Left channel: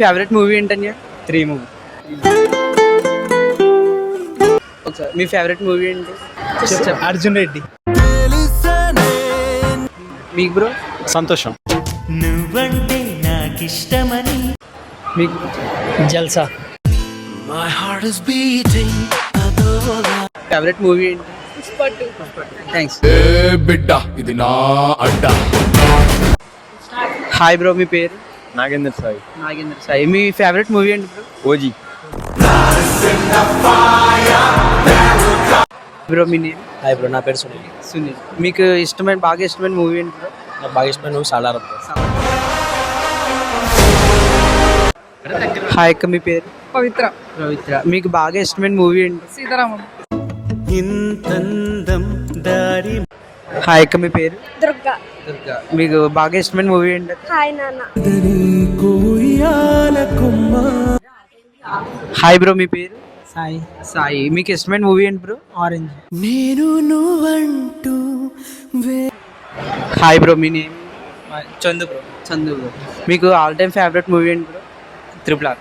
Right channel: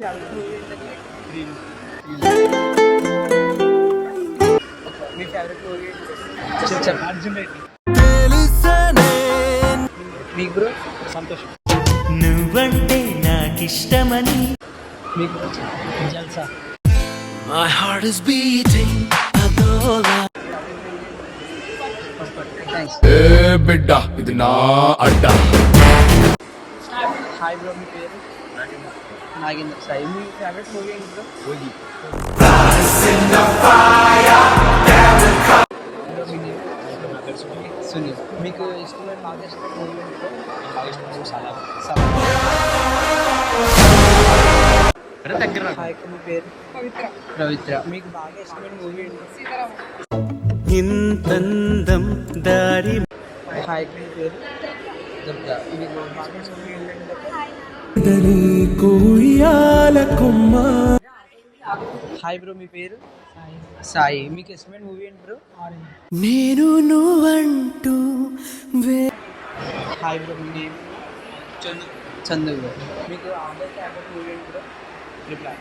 Favourite movie ఏంటండి? 3 movie. మీ favourite movie ఏంటి? అర్జున్ రెడ్డి. మీకు బ్రో? సంతోషం. నువ్వంటే నాకిష్టమని. మీకు? జల్సా. My heart is beating అదోలా. ఫేవరెట్ మూవీ ఏంటి? థ్యాంక్స్. బిడ్డ ఇది నా అడ్డ. హాయ్ బ్రో, మీ పేరు? నాగేందర్ సాయి. నాగేంద్ర సాయి. మీ ఫేవరెట్ మూవీ ఏంటి బ్రో? ఓజీ. బ్రో మీ నేమ్? హాయ్ బ్రో, నా పేరు సునీల్. సునీల్. మీకు బాగా ఇష్టమైన మూవీ ఏంటి బ్రో? నాకు బాగా ఇష్టమైన నువ్వు సాలారం. హాయ్ అక్క, మీ పేరు? పవిత్ర. పవిత్ర. మీకు బాగా ఇష్టమైన మూవీ ఏంటి? సీతారామం. ఇంతందం దారి. హాయ్ అక్క, మీ పేరు? దుర్గా. దుర్గా. మీకు బాగా ఇష్టమైన మూవీ ఏంటి? హాయ్ నాన్న. హాయ్ బ్రో, మీ పేరు? సాయి. సాయి. మీకు ఇష్టమైన మూవీ ఏంటి బ్రో? ఆరెంజ్. నేను నువ్వంటూ హాయ్ బ్రో, మీ name? Chandu bro. Chandu bro. మీకు ఆల్ టైమ్ ఫేవరెట్ మూవీ ఏంటి బ్రో? RRR.